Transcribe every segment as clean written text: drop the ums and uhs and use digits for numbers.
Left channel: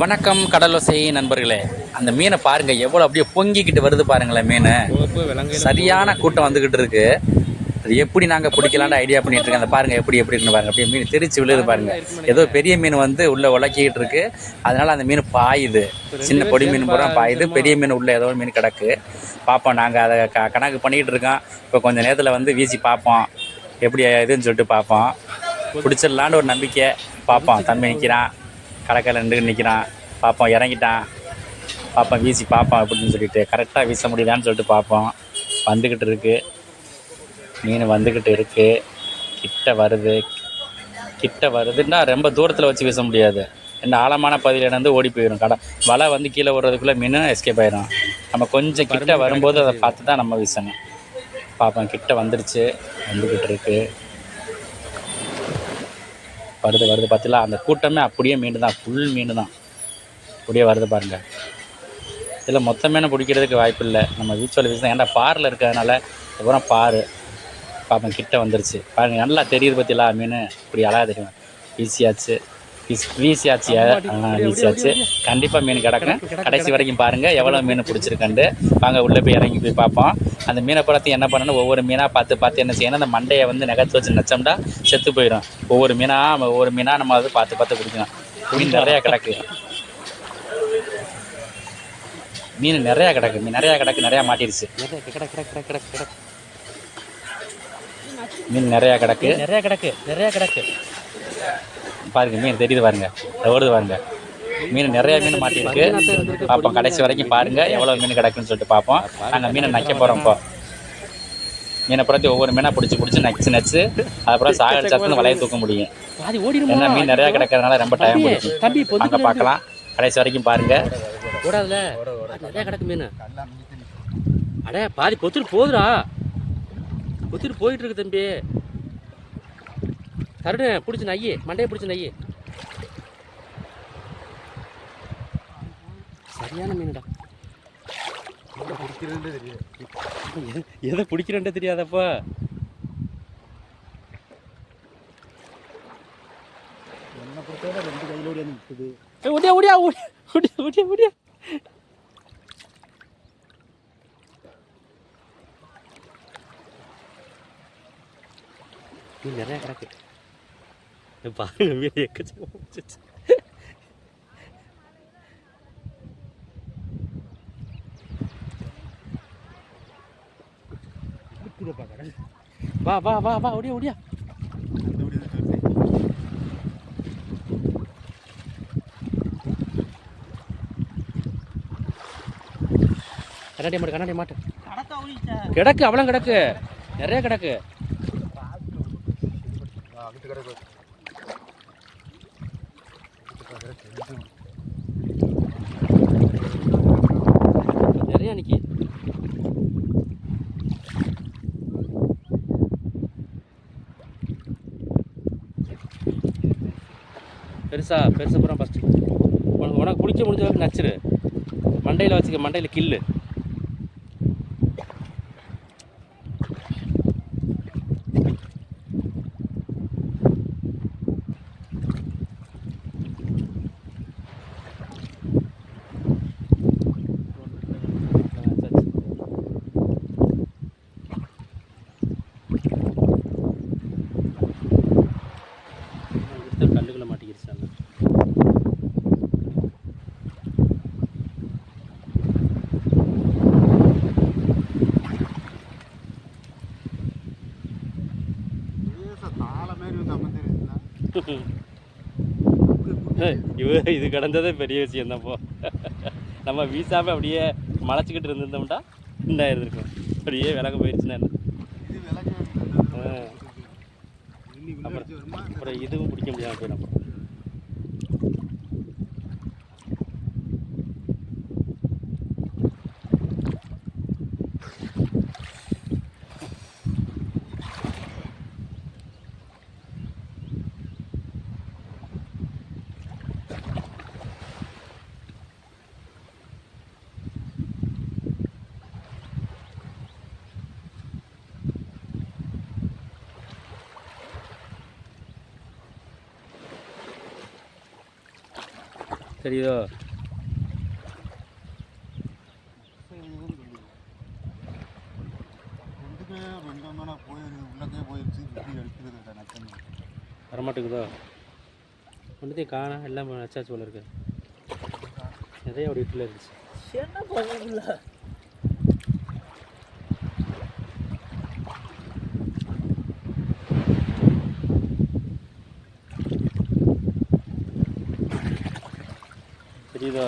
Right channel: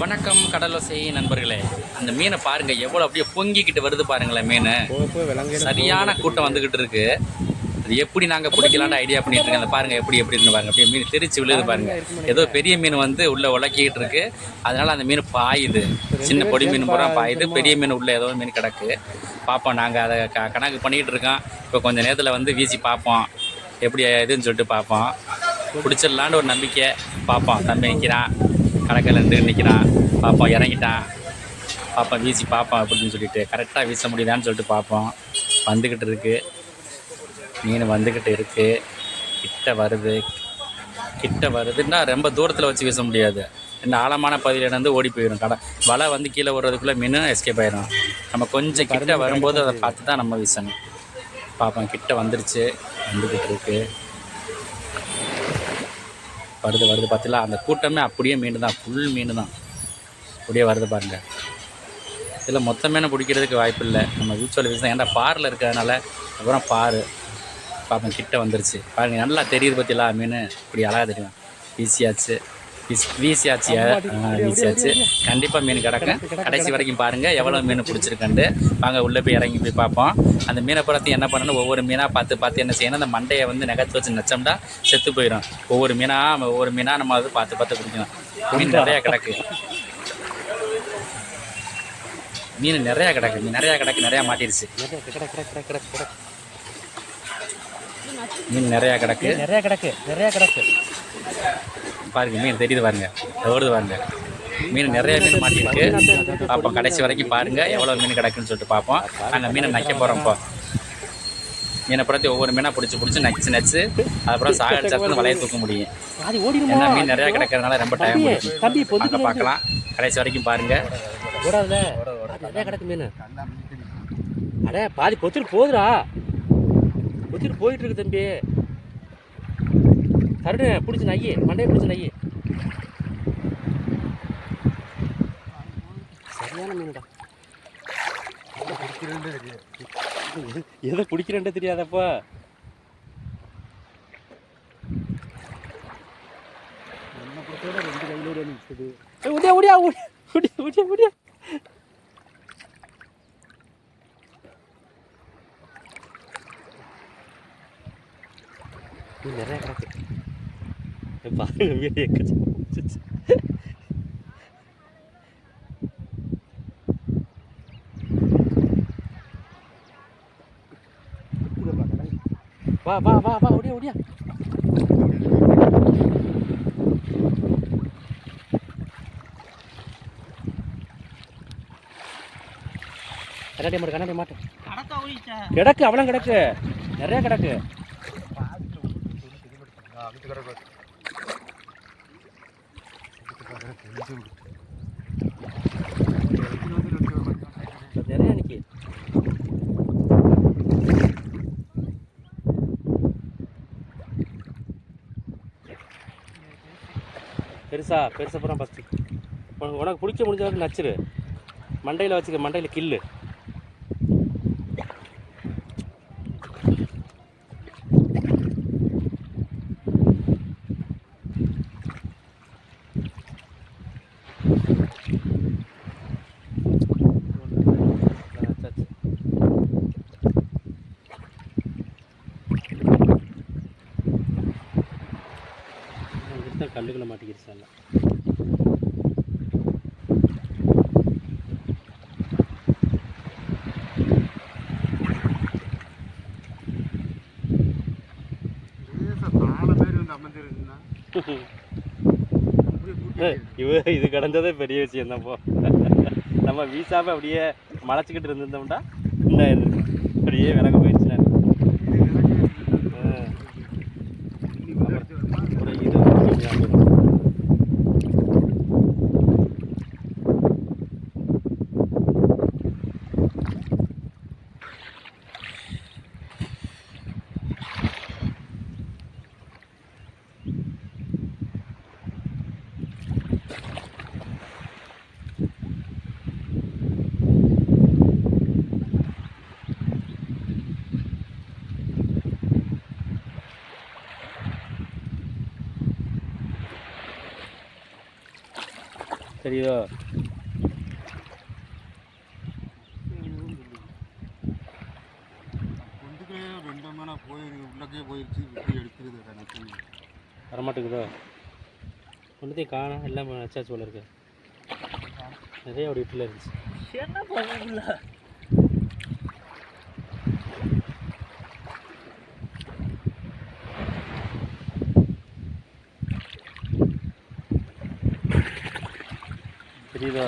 வணக்கம் கடலோசை நண்பர்களே. அந்த மீனை பாருங்க, எவ்வளோ அப்படியே பொங்கிக்கிட்டு வருது பாருங்களேன். மீன் சரியான கூட்டம் வந்துக்கிட்டு இருக்கு. அது எப்படி நாங்கள் பிடிக்கலான்னு ஐடியா பண்ணிட்டு இருக்கோம். அந்த பாருங்க எப்படி எப்படின்னு பாருங்க. அப்படியே மீன் தெரிச்சு விழுது பாருங்க. ஏதோ பெரிய மீன் வந்து உள்ள உலக்கிக்கிட்டு இருக்கு. அதனால அந்த மீன் பாயுது. சின்ன பொடி மீன் பூரா பாயுது. பெரிய மீன் உள்ள ஏதோ மீன் கிடக்கு. பார்ப்போம், நாங்கள் அதை கணக்கு பண்ணிக்கிட்டு இருக்கோம். இப்போ கொஞ்சம் நேரத்தில் வந்து வீசி பார்ப்போம் எப்படி இதுன்னு சொல்லிட்டு பார்ப்போம். பிடிச்சிடலான்னு ஒரு நம்பிக்கை. பார்ப்போம். தம்பி நிற்கிறான், கடற்கரை நிற்கிறான். பார்ப்போம், இறங்கிட்டான். பார்ப்போம், வீசி பார்ப்போம் அப்படின்னு சொல்லிட்டு கரெக்டாக வீச முடியுதான்னு சொல்லிட்டு பார்ப்போம். வந்துக்கிட்டு இருக்கு மீன், வந்துக்கிட்டு இருக்கு. கிட்ட வருதுன்னா ரொம்ப தூரத்தில் வச்சு வீச முடியாது. இந்த ஆழமான பகுதியில் இருந்து ஓடி போயிடும். வலை வந்து கீழே விடுறதுக்குள்ளே மீன் எஸ்கேப் ஆயிடும். நம்ம கொஞ்சம் கிட்ட வரும்போது அதை பார்த்து தான் நம்ம வீசணும். பார்ப்போம், கிட்ட வந்துடுச்சு, வந்துக்கிட்டு இருக்கு. வருது பார்த்தீங்களா? அந்த கூட்டமே அப்படியே மீன் தான், ஃபுல் மீன் தான் அப்படியே வருது பாருங்கள். இதில் மொத்த மீனை பிடிக்கிறதுக்கு வாய்ப்பு இல்லை. நம்ம வீச்சோல வீசி தான், ஏன்டா பாரில் இருக்கிறதுனால அப்புறம் பாரு. பார்ப்போம், கிட்ட வந்துருச்சு பாருங்கள். நல்லா தெரியுது பார்த்தீங்களா? மீன் இப்படி அழகாக தெரியும். வீசியாச்சு. கண்டிப்பாக மீன் கிடக்கும். கடைசி வரைக்கும் பாருங்கள் எவ்வளோ மீன் பிடிச்சிருக்கண்டு. வாங்க உள்ளே போய் இறங்கி போய் பார்ப்போம். அந்த மீனை படத்தை என்ன பண்ணணும், ஒவ்வொரு மீனாக பார்த்து என்ன செய்யணும், அந்த மண்டையை வந்து நகர்த்து வச்சு நச்சம்டா செத்து போயிடும். ஒவ்வொரு மீனாக நம்ம வந்து பார்த்து பிடிக்கணும். மீன் நிறையா கிடக்கு. மீன் நிறையா கிடக்கு. நிறையா மாட்டிருச்சு. மீன் நிறையா கிடக்கு. பாருங்க, மீன் தெரியுது பாருங்க, ஓடுது பாருங்க. மீன் நிறைய மீன் மாட்டிருக்கு. பார்ப்போம், கடைசி வரைக்கும் பாருங்க எவ்வளோ மீன் கிடக்குன்னு சொல்லிட்டு பார்ப்போம். நாங்கள் மீனை நக்க போகிறோம். இப்போ மீனை பற்றி ஒவ்வொரு மீனாக பிடிச்சி நச்சு அதுக்கப்புறம் சாகடிச்சா தான் வலையை தூக்க முடியும். ஏன்னா மீன் நிறையா கிடக்கிறதுனால ரொம்ப டைம் பிடிக்கும். அங்கே பார்க்கலாம், கடைசி வரைக்கும் பாருங்க. ஓடாதுல நிறையா கிடக்கு மீன். அடே பாதி பொத்துட்டு போகுதுடா, பொத்துட்டு போயிட்டு இருக்கு தம்பி. கருடு பிடிச்சி நையே, மண்டையை பிடிச்சி நையே. சரியான மீன்டா. எதை பிடிக்கிறேன்ட்டு தெரியாதப்பா. ஓடியா மீன் நிறையா கிடக்கு. பாருங்க, மீன் வா ஓடியா. கண்ணாடி மாட்டு கிடக்கு. அவ்வளோ கிடக்கு, நிறைய கிடக்கு. நிறைய நிக்கி. பெருசா பூரா ஃபஸ்ட்டு உனக்கு பிடிச்ச முடிஞ்ச நச்சுரு. மண்டையில் வச்சுக்க, மண்டையில் கில்லு. கல்லுகளை மாட்டிக்கிடுச்சு. இது கடந்ததே பெரிய விஷயம் தான்ப்போ. நம்ம வீசாம அப்படியே மலைச்சிக்கிட்டு இருந்திருந்தோம்டா என்ன இருந்திருக்கும். அப்படியே விலக போயிடுச்சுன்னா அப்புறம் இது போயிடும். தெரியுதோ? வரமாட்டேங்குதோ? ஒன்றுத்தையும் காணா எல்லாம் நச்சாச்சு போல இருக்கு. நிறைய அப்படி வீட்டில் இருந்துச்சு. தெரியுதோ?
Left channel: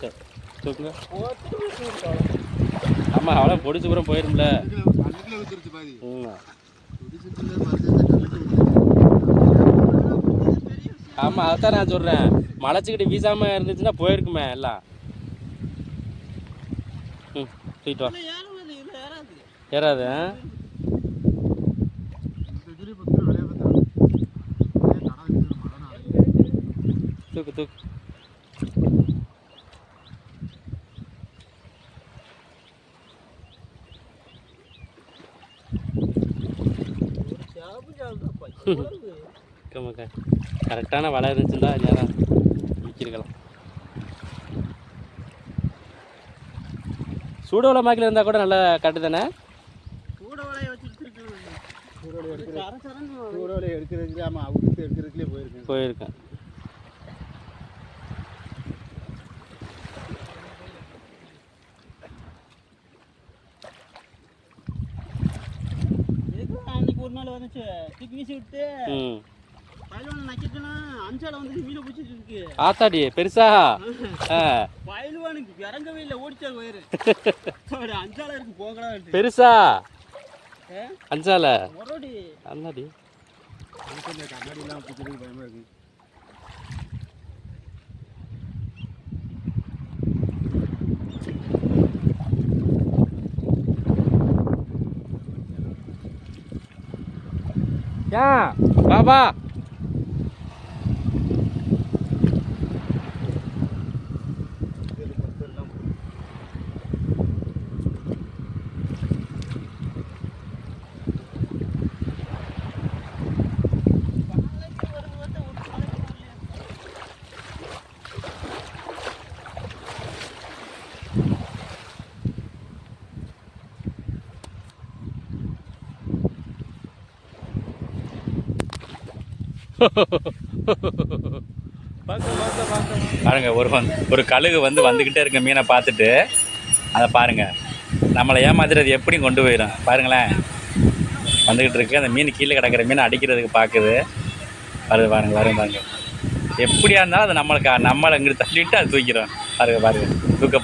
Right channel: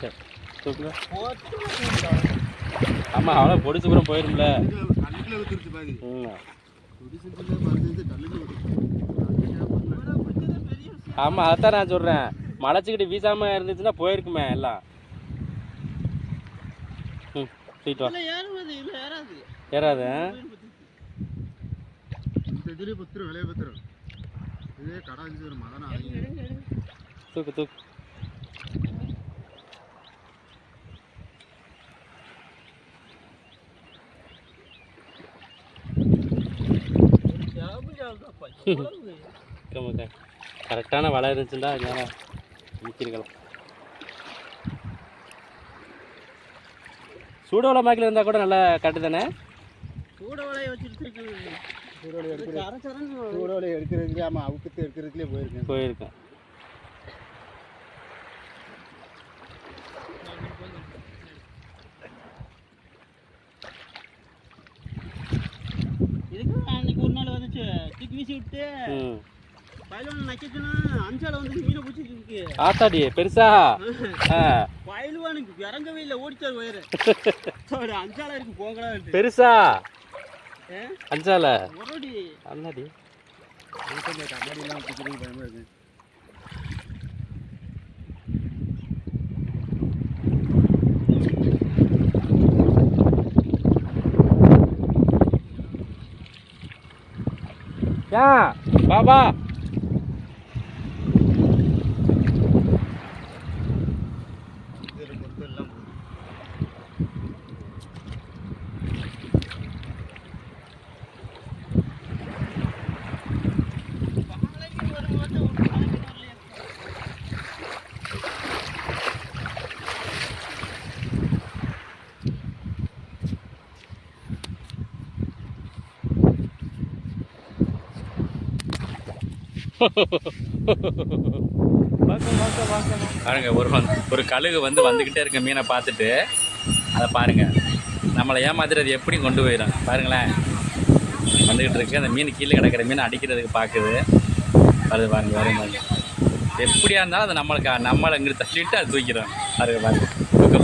சரி தூக்குங்க. ஆமாம் அவ்வளோ பொடிச்சு பூரம் போயிரும்ல. ஆமாம் அதைத்தான் நான் சொல்கிறேன். மலைச்சிக்கிட்டு வீசாமல் இருந்துச்சுன்னா போயிருக்குமே எல்லாம். ம் தூக்கிட்டு வா. ஏறாது. தூக்கு தூக்கு. கரெக்டான வலை இருந்துச்சுன்னா நேரம் விற்கிருக்கலாம். சூட வலை மாக்கில் இருந்தால் கூட நல்லா கட்டு தானே. சூட வலையை வச்சுட்டு சூட வலையை எடுக்கிறதுக்கு ஆமாம் அவுட்டு எடுக்கிறதுக்குள்ளே போயிருக்கேன். இதுக்கு அன்னைக்கு ஒரு நாள் வந்துச்சு தூக்கி வீசி விட்டு பயில்வான் நக்கிட்டுனா அஞ்சால வந்து மீனை பிடிச்சிட்டு இருக்கு. ஆத்தாடி பெருசா பயில்வானுக்கு இறங்கவே இல்லை, ஓடிச்சார் வயிறு. அஞ்சால இருக்கு போகலா பெருசா அஞ்சால அண்ணாடி கண்ணாடிலாம் பிடிக்கிறதுக்கு பயமா இருக்கு. பாபா பாருங்க ஒரு கழுகு வந்துக்கிட்டே இருக்க மீனை பார்த்துட்டு அதை பாருங்க நம்மளை ஏமாத்துறது எப்படி கொண்டு போயிடும் பாருங்களேன். வந்துக்கிட்டு இருக்கு அந்த மீன் கீழே கிடக்கிற மீனை அடிக்கிறதுக்கு பார்க்குது. வருது பாருங்க பாருங்க எப்படியா இருந்தாலும் அது நம்மளை இங்கிட்டு தள்ளிட்டு அது தூக்கிடும். பாருங்க தூக்க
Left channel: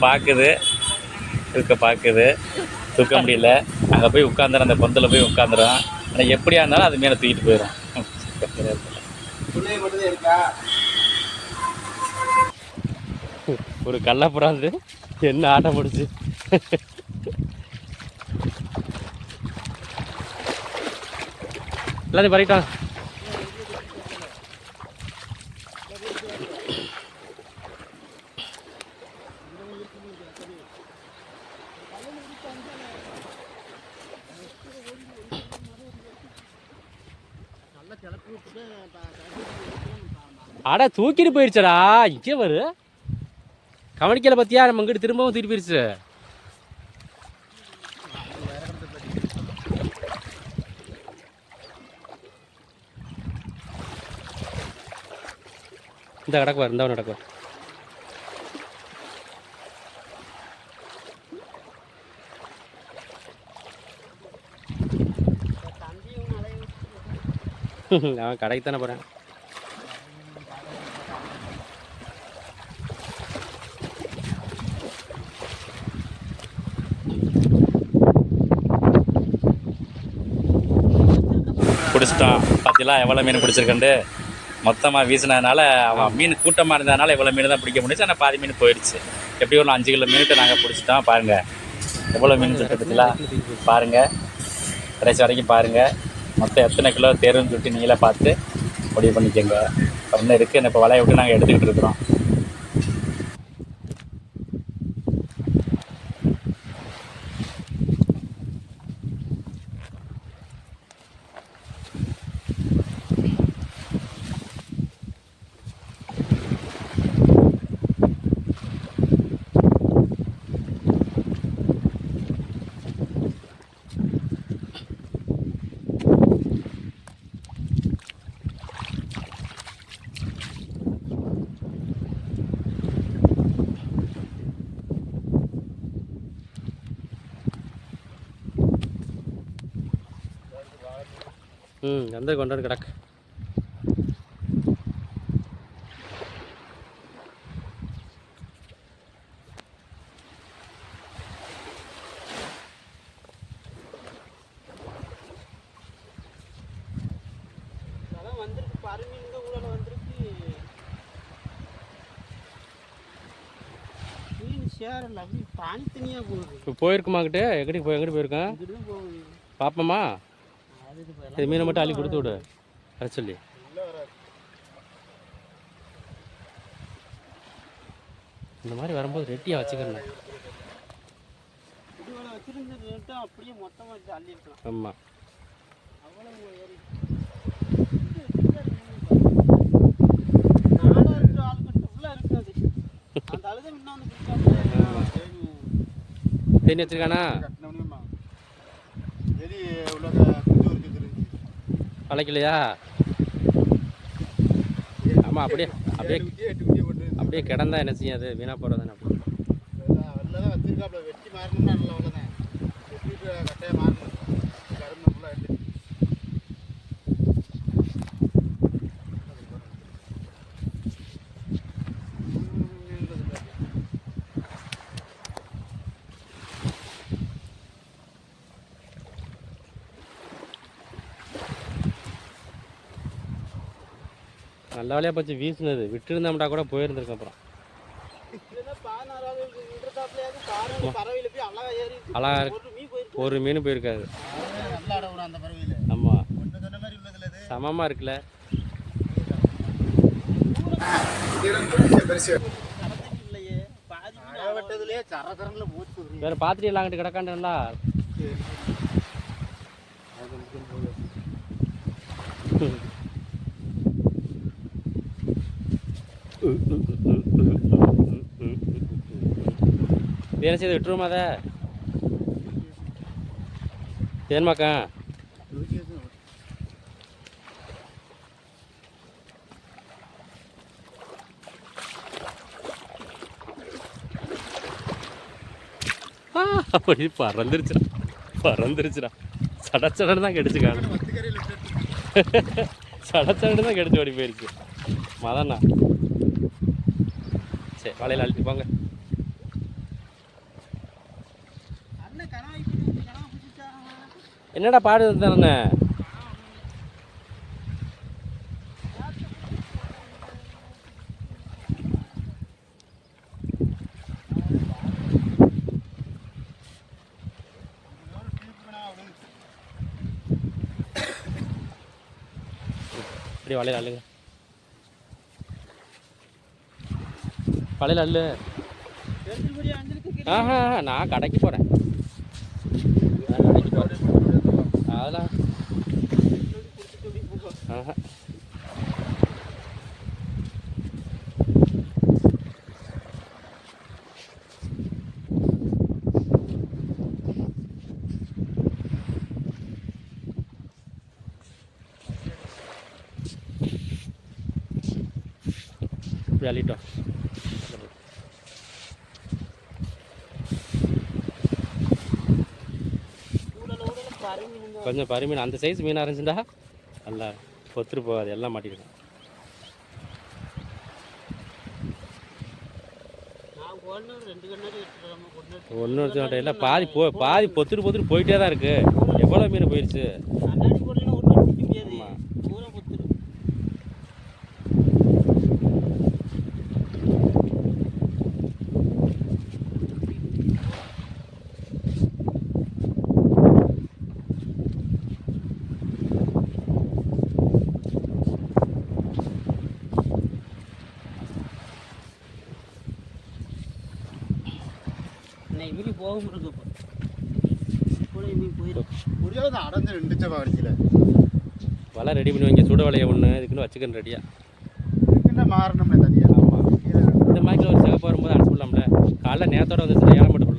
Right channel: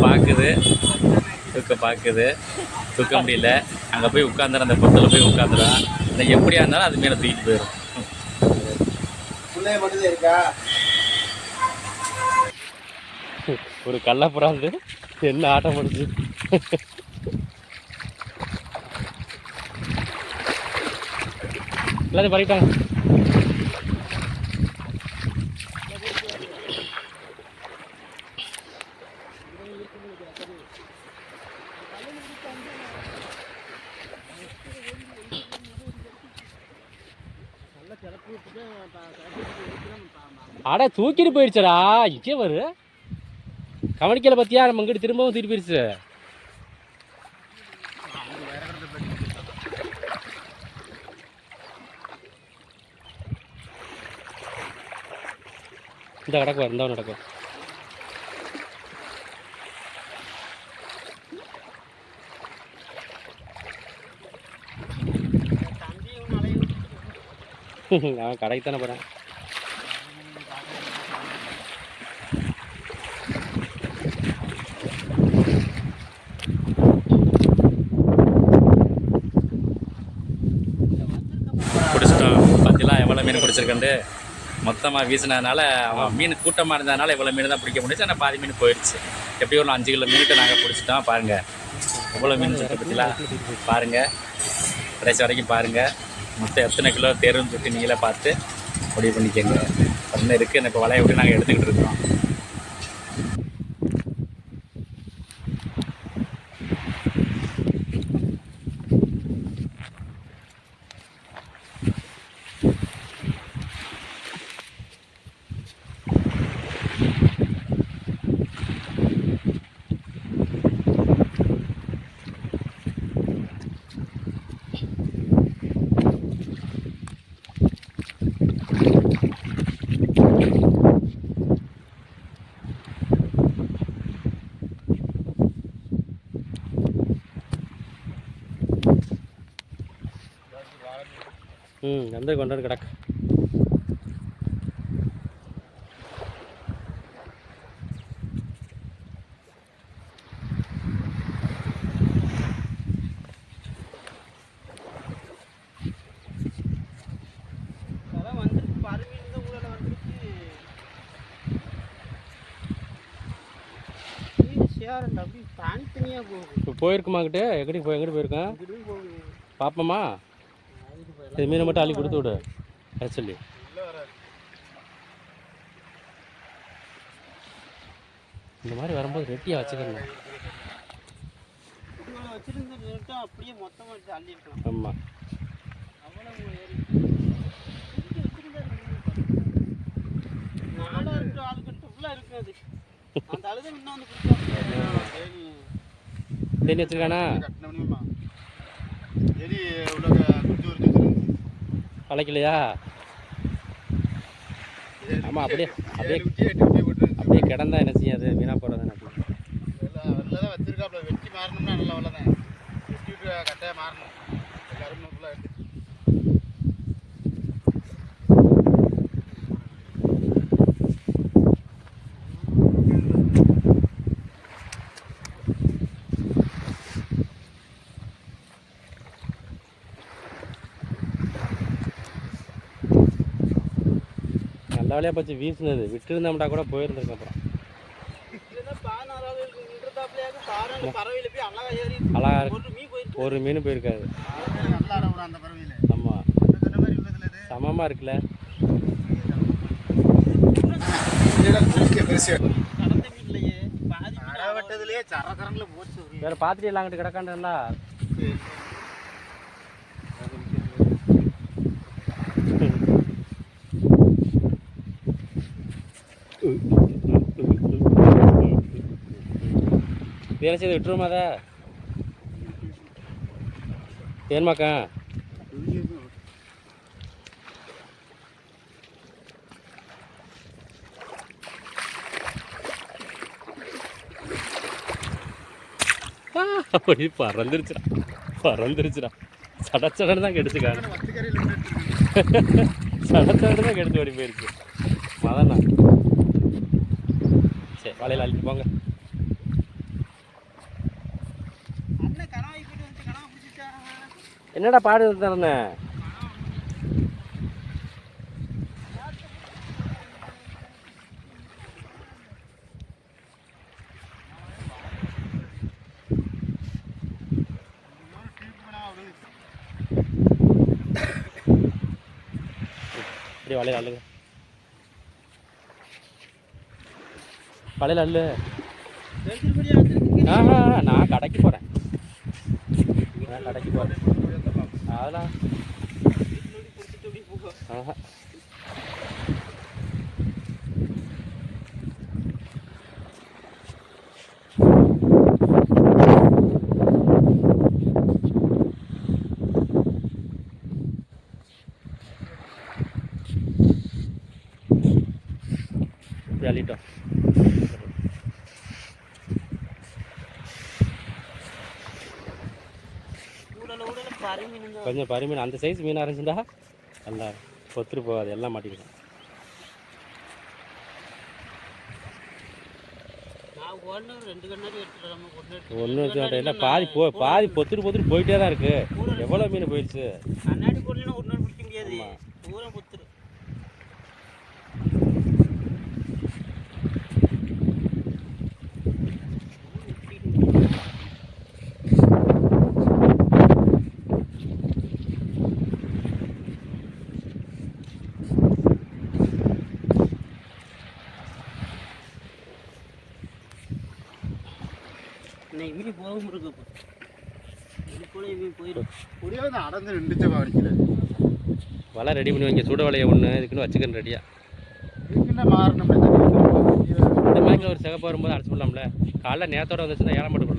பார்க்குது தூக்க முடியல. அங்கே போய் உட்காந்துடும், அந்த பொத்தில் போய் உட்காந்துடும். ஆனால் எப்படியா இருந்தாலும் அது மீனை தூக்கிட்டு போயிடும். ஒரு கள்ளப்புறாது என்ன ஆட்டம் முடிச்சு. எல்லாத்தையும் பறிட்டான். அட தூக்கிட்டு போயிடுச்சடா. இங்கே வரு கவனிக்கல பத்தியா, நம்ம இங்கிட்டு திரும்பவும் தூக்கிட்டு போயிடுச்சு. இந்த கிடக்குவார், இந்த நடக்குவார். அவன் கடைக்கு தானே போகிறேன். பிடிச்சிட்டோம். பார்த்தீங்களா எவ்வளோ மீன் பிடிச்சிருக்கண்டு. மொத்தமாக வீசினதுனால அவன் மீன் கூட்டமாக இருந்ததுனால எவ்வளோ மீன் தான் பிடிக்க முடிச்சு. ஆனால் பாதி மீன் போயிடுச்சு. எப்படியும் ஒரு 5 கிலோ மீனுட்டு நாங்கள் பிடிச்சிட்டோம். பாருங்கள் எவ்வளோ மீன் சொல்லிட்டு பார்த்தீங்களா. பாருங்கள் கடைசி வரைக்கும் பாருங்கள். மொத்தம் எத்தனை கிலோ தேருன்னு சொல்லிட்டு நீங்களே பார்த்து முடிவு பண்ணிக்கோங்க. இன்னும் இருக்குது. இப்போ வலையை விட்டு நாங்கள் எடுத்துக்கிட்டு இருக்கிறோம். வந்து கொண்டாந்து கிடக்கு. அதான் வந்துருக்கு பருமி இந்த ஊரில் வந்துருக்கு. மீன் சேரல அப்படி தனித்தனியாக போகுது. இப்போ போயிருக்குமாக்கிட்டே எங்கிட்டு போயிருக்கேன் இங்கிட்டு போகுது. பார்ப்போமா? இது மீனை மட்டும் அள்ளி கொடுத்து விடு வர சொல்லி. இந்த மாதிரி வரும்போது ரெட்டியாக வச்சுக்கிறேன். இதுகளை வச்சிருந்துட்டு அப்படியே மொத்தமாக எடுத்து அள்ளிருக்கலாம். ஆமாம். அவ்வளவு ஏறி நாடாக இருக்கிற ஆளுக்கிட்ட ஃபுல்லாக இருக்காது. அந்த அழுதை இன்னும் வந்து தேனி வச்சிருக்கானா? பழைக்கலையா? ஆமாம், அப்படியே அப்படியே கிடந்தா என்ன செய்யும்? அது வீணாக போகிறது தானே. அப்படி வச்சிருக்காப்ல வெட்டி மாறணும்னா நல்ல வேலை தான். வெட்டிட்டு கட்டையாக மாறணும். கரும்பு ஃபுல்லாக எடுத்து நல்ல வேலையாக போச்சு வீசினது. விட்டுருந்தோம்டா கூட போயிருந்துருக்கு. அப்புறம் அழகா ஒரு மீன் போயிருக்காது. ஆமாம், சமமாக இருக்குல்ல. வேற பாத்திரம் எல்லாம் அங்கிட்டு கிடக்காண்டா. என்ன செய்து விட்டுருமா? அதை ஏன்மாக்கா அப்படி பறந்துருச்சுடா. சடச்சடன்னு தான் கெடிச்சுக்காங்க. சடச்சடன்னு தான் கெடிச்சு ஓடி போயிடுச்சு. மதண்ணா சரி, வலையில் அழிச்சு போங்க. என்னடா பாடு தானே? இப்படி வலையில் அள்ளுங்க. வலையில் அள்ளு. ஆஹா, நான் கடைக்கு போகிறேன். அதெல்லாம் ஆஹா. இப்படி அள்ளிட்டோம். கொஞ்சம் பரி மீன் அந்த சைஸ் மீனாக இருந்துச்சுண்டா நல்லா பொத்துட்டு போகாது. எல்லாம் மாட்டிருக்கோம். ஒன்று இல்லை, பாதி பொத்துட்டு போயிட்டே தான் இருக்கு. எவ்வளோ மீன் போயிடுச்சு. மீன் போகும் இருக்கு. அடைஞ்சு ரெண்டு வலிக்கல. வலை ரெடி பண்ணி வைங்க. சுட வலையை ஒன்று இதுக்குன்னு வச்சுக்கணும் ரெடியாக. மாறணும். இந்த மாதிரி ஒரு சிகப்பு வரும்போது அடிச்சு விடலாம்ல. காலைல நேரத்தோடு வந்துச்சுன்னா ஏழை மட்டும்